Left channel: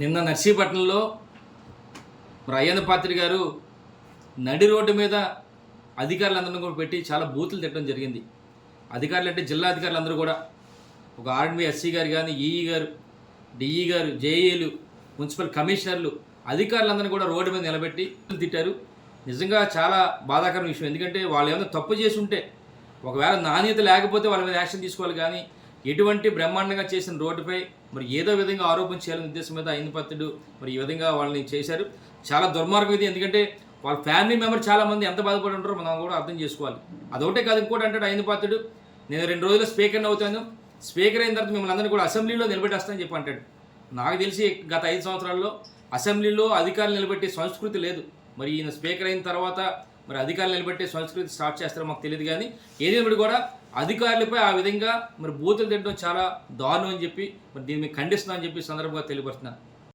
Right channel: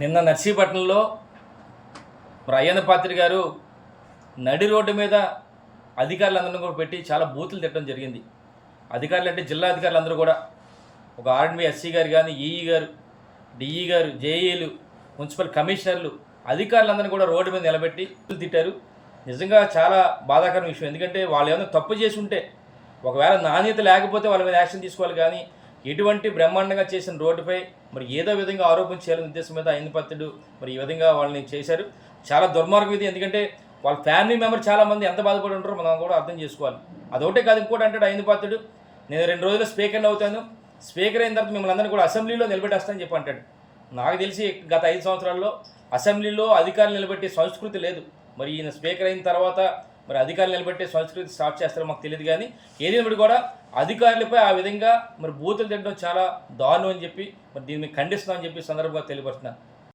నిన్న నర్సీపట్నంలో ప్రయాణ అయ్యన్న పాత్రి గారు నడి రోడ్డు మీద అధికారులందరినీ కూడా పెట్టి చాలా బూతులు తిట్టడం జరిగింది. అధికారులు అంటే జిల్లా అధికారులు అందరూ కూడా ఒక ఆర్ఎండ్బి ఎస్సీ గారు కానీ ఈఈ గారు డిఈ గారు జేఈలు మున్సిపల్ కమిషనర్లు అధికారులందరినీ కూడా రోడ్డు మీద నిలబెట్టి తిట్టారు. నిజంగా చాలా బాధాకరమైన విషయం. ఎందుకంటే వాళ్ళు ఏమైనా తప్పు చేసి ఉంటే ఒకవేళ నాణ్యత లేకపోతే వాళ్ళ మీద యాక్షన్ తీసుకోవాలి కానీ ఎటువంటి బ్రహ్మాండంగా చేసిన రోడ్డుపై మరి ఏదో విధంగా ఆరోపణ చేయాలనే ఉద్దేశం మీద అయిన మరి ఈ విధంగా వాళ్ళని చేశారు. చాలా దుర్మార్గం ఇది. ఎందుకంటే వాళ్ళ ఫ్యామిలీ మెంబర్ చాలామంది ఎంత బాధపడి ఉంటారో మనం కూడా అర్థం చేసుకోవాలి. అదొకటే కాదు ఇంకోటి అంటాడు అయిన నేను రెండు రోజులు స్పీకర్ అవుతాను. స్పీకర్ అయిన తర్వాత మిమ్మల్ని అందరినీ కూడా అసెంబ్లీలో నిలబెట్టేస్తానని చెప్పి అంటాడు. నాకు తెలిసి గత ఐదు సంవత్సరాల్లో అసెంబ్లీలో అధికారులు నిలబెట్టే సంస్కృతి లేదు. మరి ఈయన స్పీకర్ అయిన తర్వాత మరి అధికారులు నిలబెట్టే సంస్కృతి స్టార్ట్ చేస్తారో మాకు తెలియదు కానీ ఏదేమిటి కూడా అధికారులపై ఆ విధంగా మరి బూతులు తిట్టడం చాలా దారుణం అని చెప్పి మరి దీన్ని ఖండిస్తున్నామని చెప్పి సందర్భంగా తెలియపరుస్తున్నాను.